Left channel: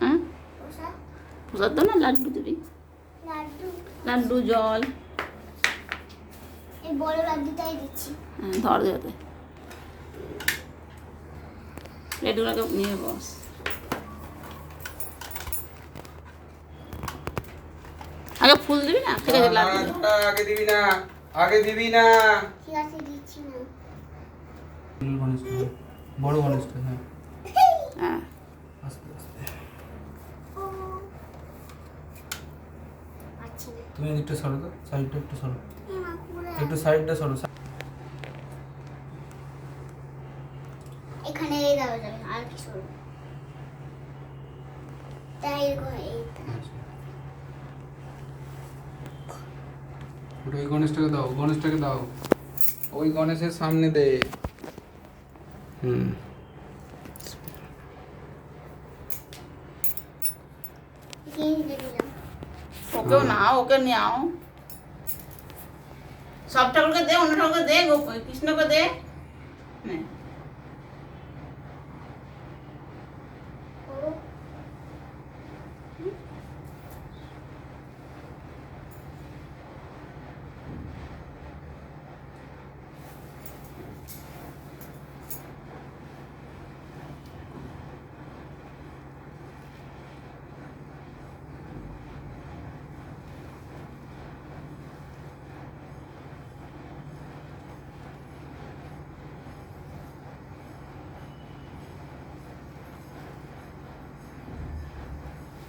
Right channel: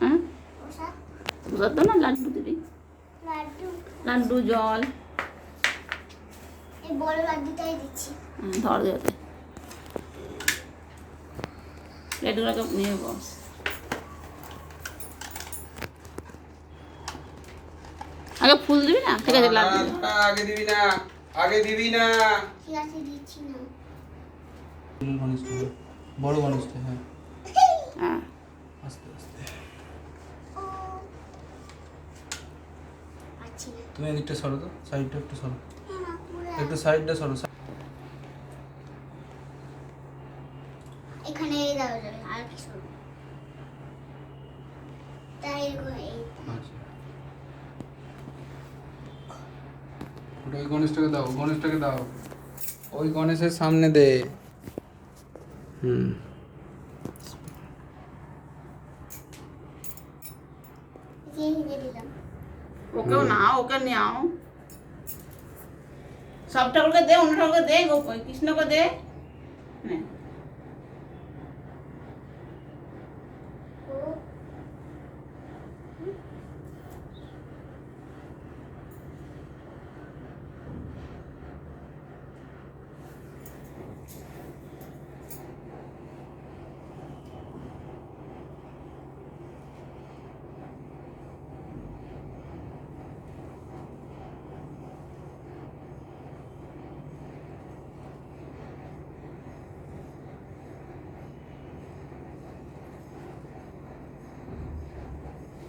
হ্যাঁ প্রসাদ তো না, লাড্ডু দিবি, লাড্ডু জল। এই বড় লাড্ডুটাই দিচ্ছি। হ্যাঁ ধর দেওয়াতে লাড্ডুগুলোকে নিয়ে বস। আগে ফুল দিবি না? ঠিক আছে লাড্ডু আগে দিবি না, আগে দিবি না। ঠিক আছে দিচ্ছি না। বড় গণেশটা, হ্যাঁ হ্যাঁ আস্তে আস্তে। ও পাচ্ছি না। তুমি এদিকটা সরো তো, সাইডটা একটু সরো, মা পুরো একটু সাইডটা সরো। এখানে এই দাও যাবে আর কি সরু। তাই এরকম এই ওটা ওই গণেশটাকে দাও, গণেশটাকে দাও, ওই গণেশের সামনে দে। এই দিয়ে দিলাম। ওকেও নাও, ওকে নাও, সব ঠাকুরকে দে, অন্য ঠাকুরকে দে, কৃষ্ণকে দে। নে। ও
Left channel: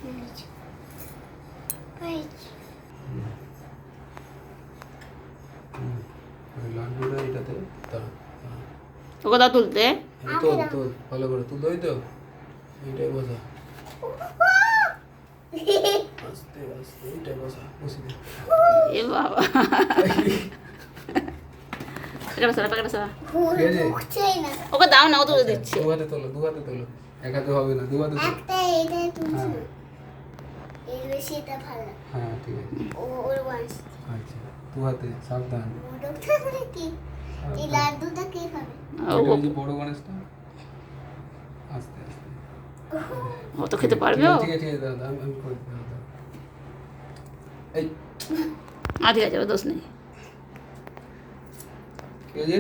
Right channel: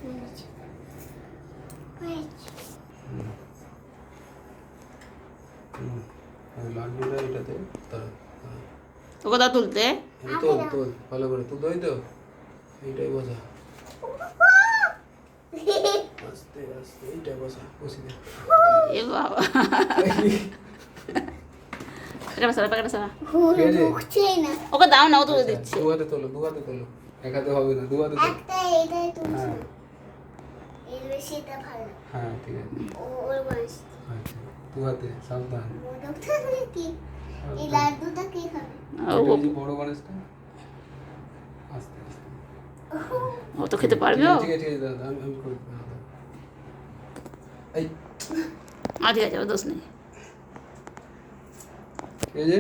পেয়েছি পেয়েছি। লাড্ডুটা এটাতে দাও। ওকে দাও তুলতে। এই তো তো ভালো করে তুই দই তো, এইটাই বোঝা, আস্তে আস্তে এইটাই বোঝা, বসে দে। এ বাবা, টাকাটা সরা, টাকাটা সরা। পুরো ঠিক আছে? ঢুকছেই না। ওকে দাও না, ও তুলে দিচ্ছে। দু হাতে তোলো, দু হাতে তোলো, এক হাতে হবে না, দু হাতে তোলো। একটা এইটাই তুলছি হ্যাঁ না। এর বেশি এটা ভালো। হ্যাঁ ঠিক আছে, ওর বয়স আচ্ছা দু হাতে সাবধান। মোটকটা হলে কি এই লাড্ডুটা কে খাবে? এটা এই যে বড় গণেশটা, আস্তে আস্তে। ও তো খেতে পারবে ও। ঠিক আছে ঠিক আছে দাদা, আমি করে দিলাম। এই ঠিক আছে, ও দোষ নেই। ঠিক আছে,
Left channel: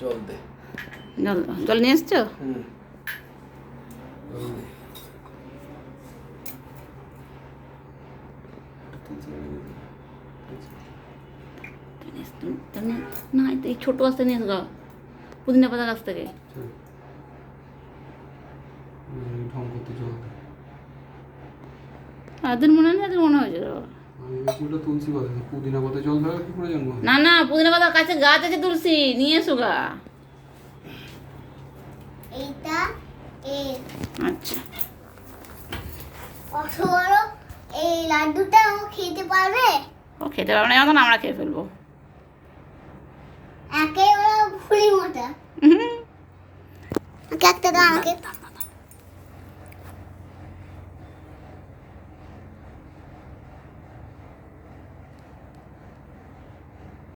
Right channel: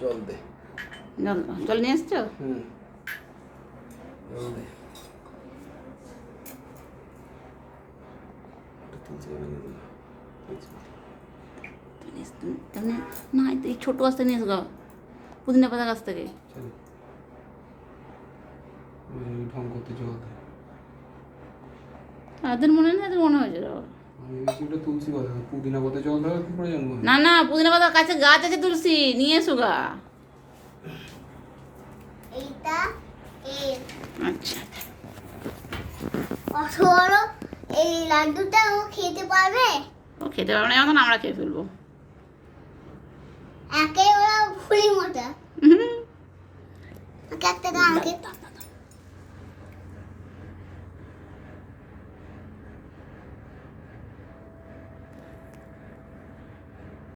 জল দে। জল, জল নিয়ে এসছো? জল দে। না, এই ছোট গাছ থেকে নিয়ে এসো, পুদিনা পাতা গাছ থেকে। চল। ঢং করতে জল দে। তাদের মনে নেই, তাদের মনে হয়েছে। আমি বেশি ওটা তুলসী কথা, পুদিনা কথা জল দেওয়ার কি প্রয়োজন হয়? না না, পুদিনা পাতার কাছে গাছ আছে তুলসী, নিয়ে এসো গা। এইটা এই আচ্ছা কত বড় এই লাড্ডুটা ও খেতে পারবে? ও খেতে পারবে না, এখন আমরা খেয়ে ফেলবো। একেবারে ফুলি মোটা। একটা দাও আমাকে।